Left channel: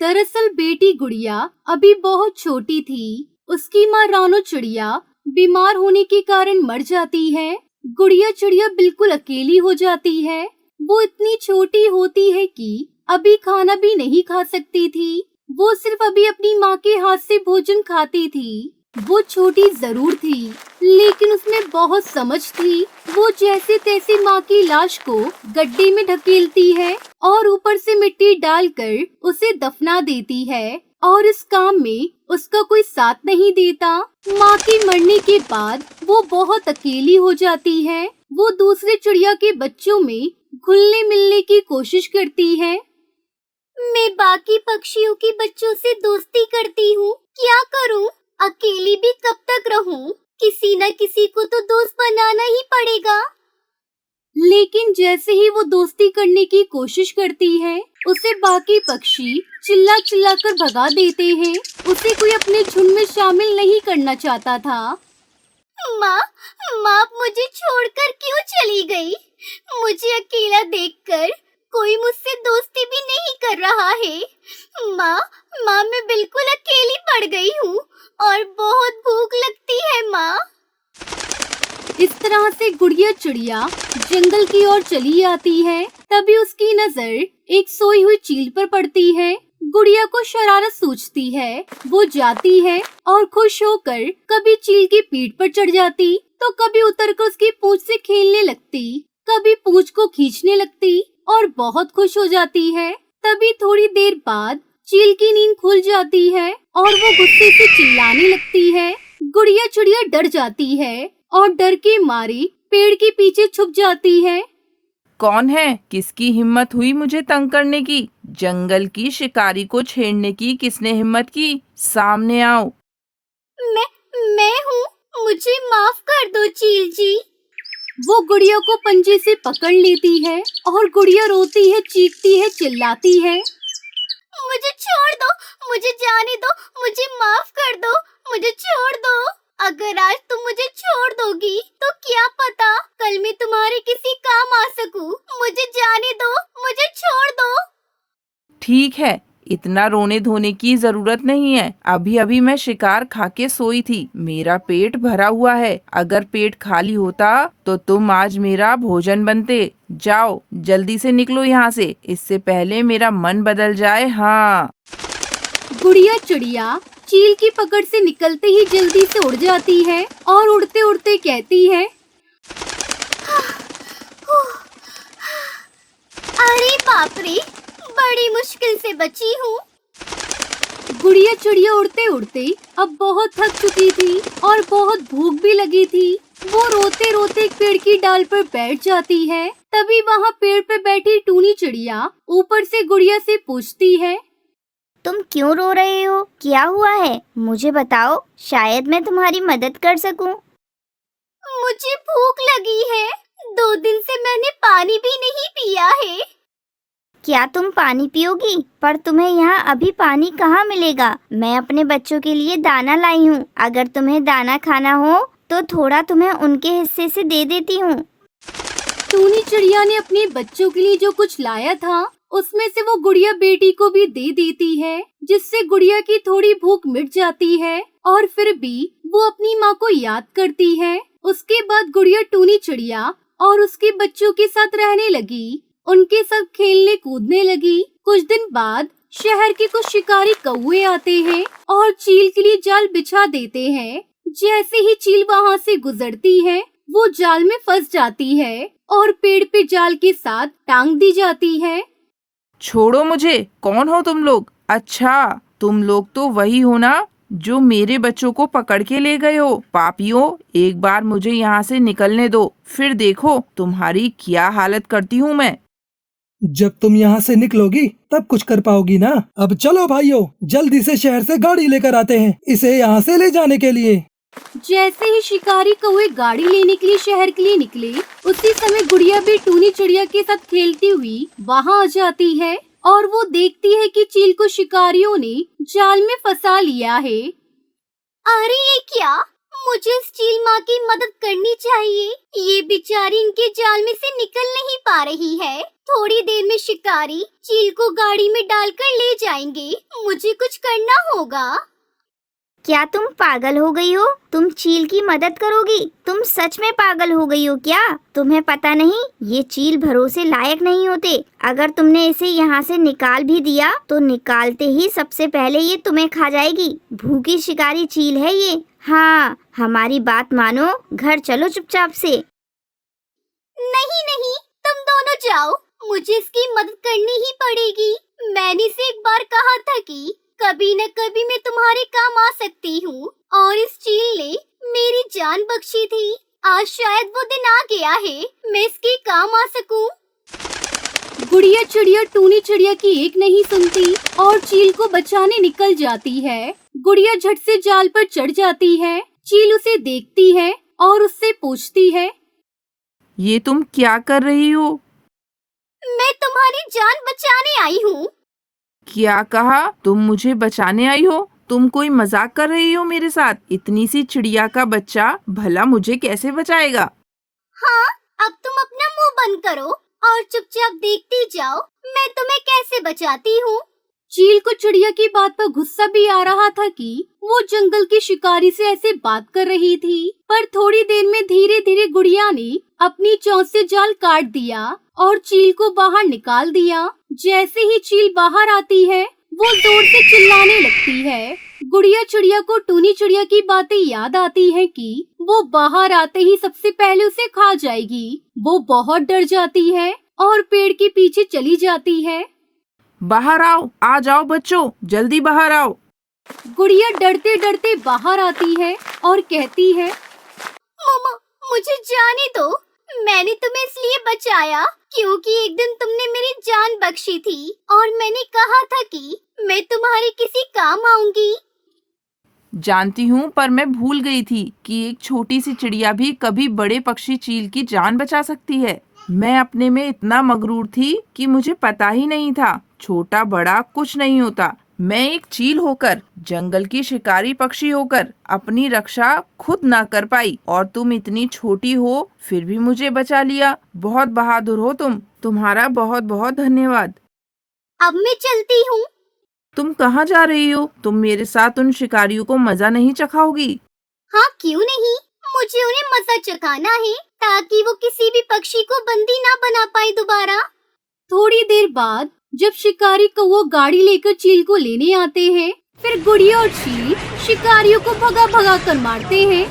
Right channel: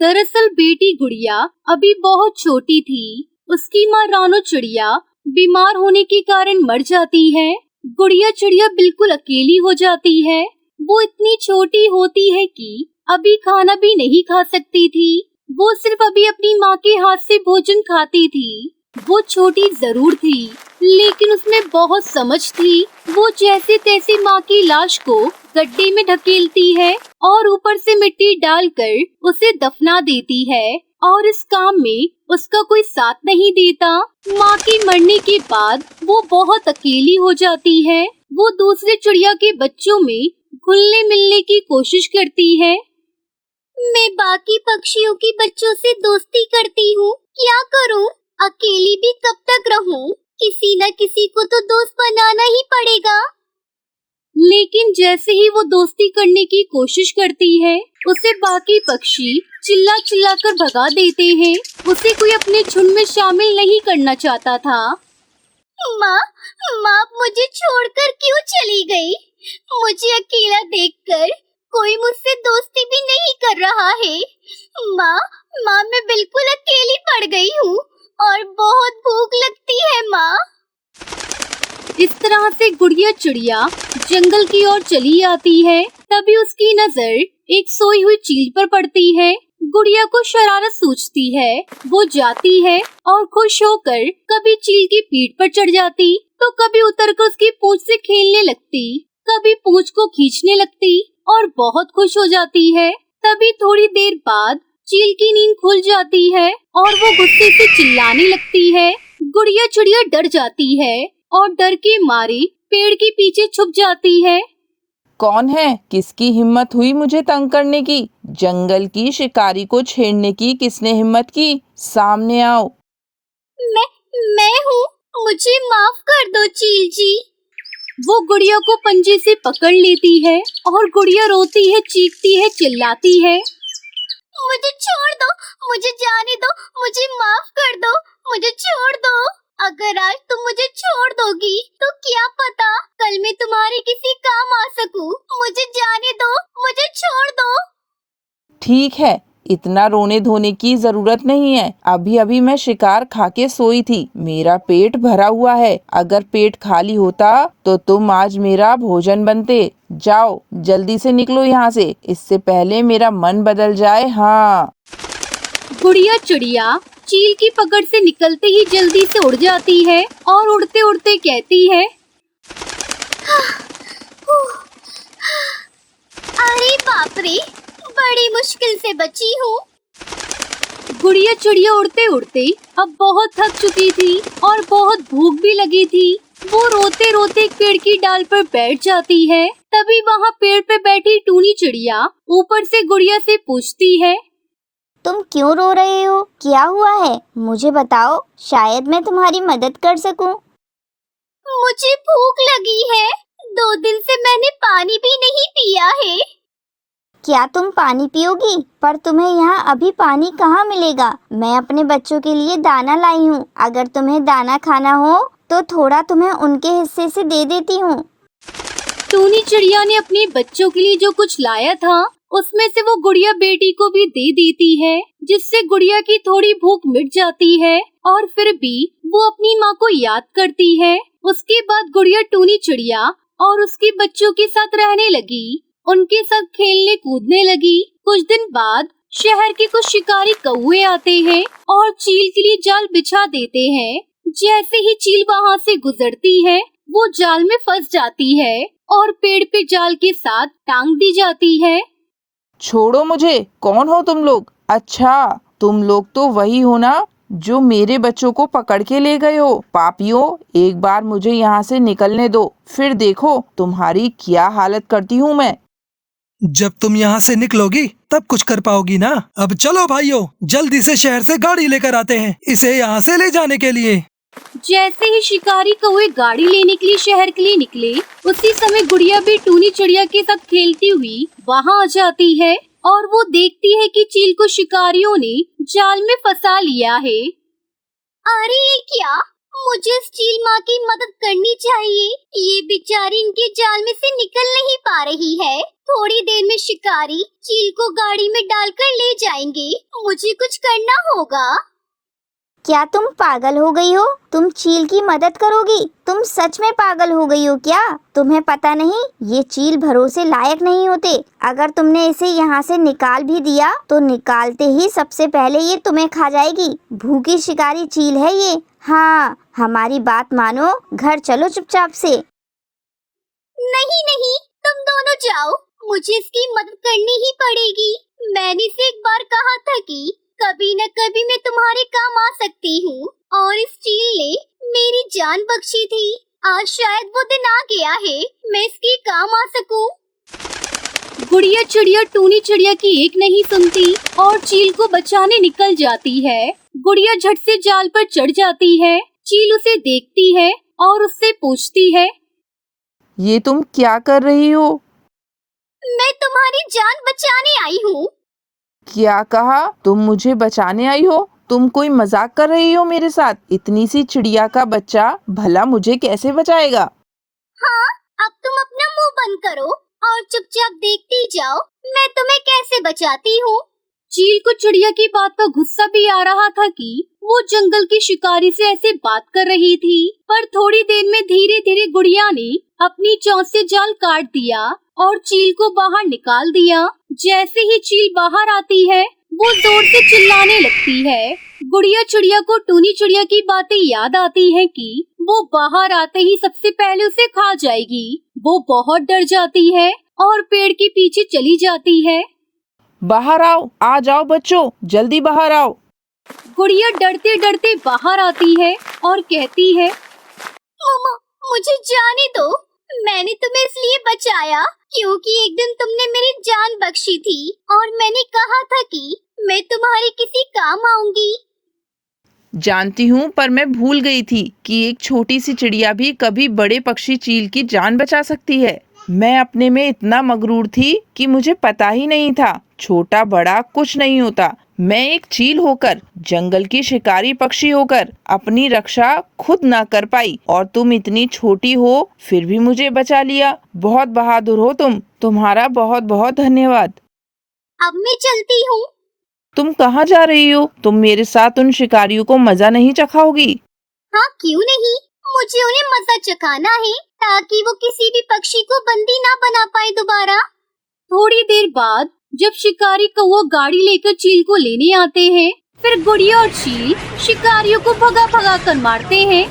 दरअसल बेटी गुड़िया अभी बहुत छोटी थी। उसकी माँ रानो चिड़िया बीमार होने के कारण मर जाती है। गुड़िया चिड़िया बिल्कुल अकेली हो जाती है। वो इतनी छोटी होती है कि अभी खाना भी नहीं खा सकती थी। वो सिर्फ अभी अपनी माँ के हाथ से भोजन खाती थी। वो छोटी जरूर थी, लेकिन उसमें बहुत समझ थी। वो जैसे तैसे माँ की लाश को गड्ढे में ढकेलती है और ऊपर से मिट्टी डालकर उसे दफना देती है, और इस काम में उसका कोई साथ नहीं देता। माँ के मरने के बाद वो बहुत अकेली हो जाती है। वो दूसरे चिड़िया के बच्चों में घुलने मिलने की कोशिश करती है। मैं बाकी पक्षियों के बच्चों से दोस्ती करती हूँ, क्या करूँ? अकेली भी कब तक रहूं? किसी न किसी को तो दोस्त बनाना ही पड़ेगा। लेकिन जैसे ही वो दोस्ती करने की कोशिश करती है, उसे बाकी पक्षी चिल्ला चिल्ला कर भगा देते हैं। उसे कोई अपने झुंड में शामिल नहीं करना चाहता था। माँ मुझे छोड़कर क्यों चली गई? मुझे अकेला देखकर कोई मुझसे दोस्ती भी नहीं कर रहा है। माँ मैं बिल्कुल अकेली पड़ गई हूँ और बहुत भूख लगती है माँ। इस तरह से गुड़िया चिड़िया जंगल की ओर चली आती है। तभी उसकी नजर एक सोई हुई चील पर पड़ती है। गुड़िया को शरारत सूझती है। वो जाती है और खुश होकर कभी चील की पीठ पर चढ़ जाती, तो कभी उतरकर उसकी पूंछ से खेलने लगती, कभी पूंछ को खींचने लगती और बहुत खुश हो जाती है। तभी थोड़ी देर बाद चील की नींद खुल जाती है और वो गुस्से से चिल्लाने लगती है। गुड़िया चिड़िया डर जाती है और डर के मारे पेड़ के पीछे छुप जाती है। कौन है? किसकी हिम्मत हुई मुझे तंग करने की? जंगल की शिकारी को छेड़ने की किसने हिम्मत की? सामने आओ। मैं हूँ, मुझे माफ कर दो चील जी। वो गुड़िया को पंजे से पकड़ लेती है और गुड़िया रोती है, चीखती है, चिल्लाती है। मुझे छोड़ दो, मुझे जाने दो, मुझे माफ कर दो, मुझे छोड़ दो। अगर आज तुम मुझे छोड़ दोगी तो क्या पता कल मैं तुम्हारे किसी काम आ सकूं। मुझे जाने दो, मुझे छोड़ दो। ठीक है, इतना रोने धोने की जरूरत नहीं है। अभी अभी मैं शिकार खा के सोई थी, मेरा पेट भरा हुआ है। अगर पेट खाली होता तो तुम आज मेरा भोजन बनते। जाओ जल्दी से निकलो यहाँ से, इससे पहले मेरा मन बदल जाए। हाँ। गुड़िया चिड़िया चील की पकड़ से निकलते ही जल्दी से उड़ जाती है और उड़ते उड़ते कहती है, अरे बाप रे, बड़ी मुश्किल से बची हूँ। गुड़िया चिड़िया उड़ते उड़ते अब बहुत थक चुकी थी और बहुत भूख भी लगी थी। वो रोते रोते एक पेड़ की डाल पर बैठ जाती है। तभी वहाँ पेड़ पे बैठी टूनी चिड़िया ऊपर से गुड़िया से पूछती है, तुम क्यों रो रहे हो? क्या हुआ है? मुझे बताओ, शायद मैं तुम्हारी मदद कर सकूं। मुझे भूख लगी है, 2 दिन से मैंने पानी भी नहीं पिया है। क्या तुम पानी पियोगी? पर तुम्हें यहाँ अभी पानी कहाँ मिलेगा? मैं अपने बच्चों के लिए दाना लाई हूँ। अगर तुम्हें दाना खाना हो तो थोड़ा तुम्हें उनके हिस्से से दे देती हूँ। टूनी चिड़िया ने अपने बच्चों के लिए जो कुछ लाया था उसमें से वो गुड़िया बेटी को भी दे देती है, जिससे गुड़िया की थोड़ी भूख मिट जाती है और फिर भी वो अपनी माँ को याद करती है। उसके बाद गुड़िया टूनी चिड़िया और उसके बच्चों के साथ रहने लगी, उनके साथ खेलने कूदने लगी। कुछ दिन बाद शहर के कुछ शिकारी कौवे आते हैं और चील के लिए जाल बिछा देते हैं। जैसे ही चील वहाँ से गुजरती है, वो जाल में फंस जाती है और पेड़ पे जाल के साथ टांग दी जाती है। छोड़ो मुझे, कौन हो तुम लोग? अच्छा, तुम लोग तो वही हो ना जो मेरे बच्चों को पकड़ के ले गए हो। पापियों, एक बार मुझे यहाँ से निकलने दो, फिर देखो तुम्हारी क्या हालत करती हूँ मैं। जब तुम यहाँ से निकलोगी तब कुछ कर पाओगी ना। अब चलो भाइयों, जल्दी से शहर से गाड़ी लेकर आते हैं इसे यहाँ से ले जाने के लिए। जैसे ही शिकारी कौवे गाड़ी लेने के लिए शहर के लिए निकले, उसी समय गुड़िया भी टूनी चिड़िया के साथ खेलती हुई वहाँ आ जाती है और वो देखती है कि चील को शिकारियों ने जाल में फंसा लिया है। अरे ये क्या? मुझे उस चील माँ की मदद करनी चाहिए। ये बेचारी इनके जाल में से निकल नहीं पा रही है। थोड़ी देर में शिकारी चील को गाड़ी में डालकर ले जाएंगे। मुझे कुछ करना होगा। क्या तुम पागल हो गई हो? तुम चील की मदद करोगी? तुम सच में पागल हो गई हो क्या? तुम्हें पता नहीं ये चील भरोसे लायक नहीं होते। अगर तुमने इसे यहाँ से निकाल भी दिया तो निकालते ही सबसे पहले ये तुम्हें खा जाएगी। भूखी शिकारी चील है ये। हाँ, हमारी बात मानो, घर चलो चुपचाप से। नहीं नहीं, तुम दोनों जाओ, मुझे इसकी मदद करनी ही पड़ेगी। मैंने इसे एक बार कहा था कि कभी न कभी मैं तुम्हारे काम आ सकती हूँ, और इस चील ने मेरी जान बख्शी थी। आज शायद वो दिन आ गया है, मैं इसके काम आ सकूँ। गुड़िया चिड़िया टूनी चिड़िया की एक नहीं सुनती और चील को बचाने निकल जाती है। गुड़िया झट से जाल पर चढ़ जाती है। चील उसे देखती है और उससे पूछती है, ये तुम क्या कर रही हो? मैं तुम्हारी जान बचाने आई हूँ। क्या कहा? तुम मुझे बचाने आई हो? तुम कोई मजाक कर रही हो मेरे साथ? इतनी सी चिड़िया का बच्चा भला मुझे कैसे बचाएगा? हाँ, अब तुम अपना मुंह बंद करो और चुपचाप देखती जाओ मैं तुम्हें कैसे बचाती हूँ। चील को चिड़िया की बात पर गुस्सा भी आ रहा था कि वो जंगल की शिकारी से ऐसे बात कर रही थी, पर थोड़ी देर में धीरे धीरे गुड़िया ने अपनी चोंच से जाल काट दिया और चील को बाहर निकाल दिया। जैसे ही चील बाहर आती है वो जोर से चिल्लाने लगती है। गुड़िया चिड़िया को टूनी चिड़िया की बातें याद आती हैं कि वो बाहर आते ही सबसे पहले उसे खा जाएगी। वो बहुत डर जाती है और पेड़ के पीछे चली जाती है। बाहर आओ, आ जाओ बच्चों, जल्दी बाहर आओ। गुड़िया डरते डरते बाहर आती है और कहती है, मम्मा मुझे जाने दो, मैंने तुम्हें इसलिए बचाया क्योंकि एक दिन तुमने मेरी जान बख्शी थी और मैंने कहा था कि मैं तुम्हारे किसी काम आऊंगी। जानती हूँ, पर मैं भूल गई थी कि एक छोटी सी चिड़िया भी कभी बड़े पक्षी चील की जान बचा सकती है। मैं अपने में इतना मगरूर थी कि मुझे पता ही नहीं था छोटा बड़ा कुछ नहीं होता। मैं एक चील होकर, जंगल की शिकारी पक्षी होकर अपनी रक्षा खुद ना कर पाई और तुम इतनी छोटी हो फिर भी मुझे बचा लिया। बहुत बहादुर हो तुम, तुम्हारा बहुत बहुत धन्यवाद। अब मैं चलती हूँ। तुम कहाँ जा रही हो? तुम मेरे साथ उन शिकारियों को मजा नहीं चखाओगी? हाँ क्यों नहीं, मुझे उन्हें मजा चखाना है ताकि वो किसी भी पक्षी को बंदी ना बना पाए दोबारा। थोड़ी देर बाद जब शिकारी कौवा गाड़ी लेकर चील को लेने आते हैं, फिर गुड़िया और चील शिकारियों को भगा भगा कर मारते हैं